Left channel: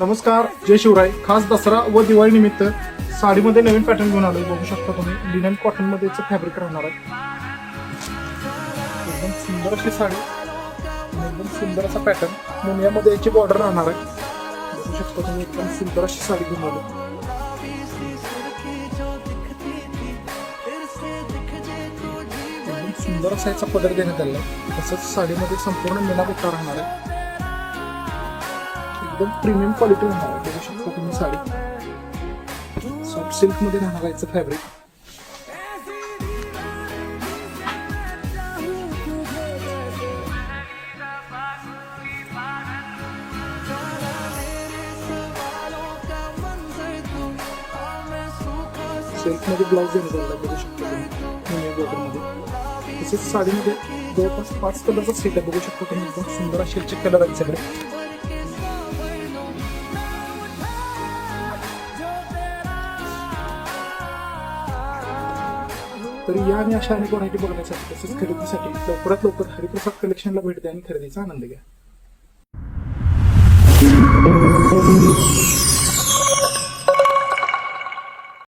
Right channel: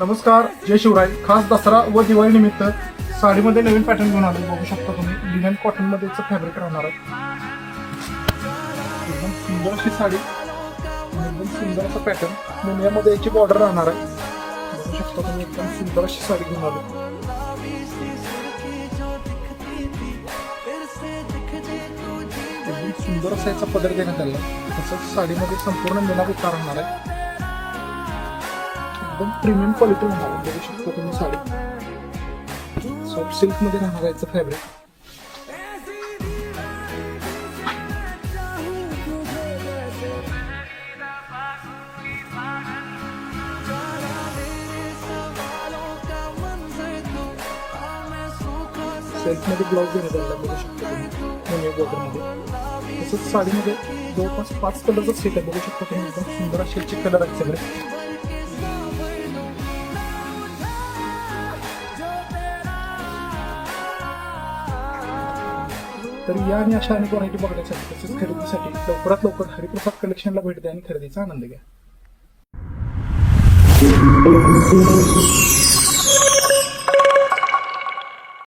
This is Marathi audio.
नमस्कार, जय शिवराय. खास दसरा व दिवाळी निमित्त साडीमध्ये नवीन पॅटर्न घेऊन आलोय. बघू शकता तुम्ही लिनन कॉटन मध्ये फॅब्रिक राहणार आहे. एकदम सुंदर अशी साडी, एकदम सुंदर असा पॅटर्न, मुनियामध्ये याची बॉर्डर राहणार आहे. बघू शकता तुम्ही एकदम सुंदर अशी साडी घेऊन आलो. एकदम सुंदर असा याचा पदर देण्यात आला. तसंच साडीमध्ये संपूर्ण मीना बुट्टा राहणार आहे. एकदम प्रीमियम क्वालिटी राहणार आहे. बघू शकता तुम्ही साडी सॉफ्ट सिल्क मध्ये राहणार आहे फॅब्रिक. सिल्क मध्ये ब्लाउज देण्यात आला. बघू शकता तुम्ही बॉर्डर मध्ये. तसंच साडीमध्ये जवळपास 5 कलरचा सेट आहे. बघू शकता तुम्ही एकदम सुंदर असे कलर आहेत सगळे. तर या आणि अशा अनेक व्हरायटी बघण्यासाठी तसेच खरेदीसाठी लवकरात लवकर हरिप्रसाद कलेक्शनला भेट द्या आणि खरेदीचा आनंद घ्या.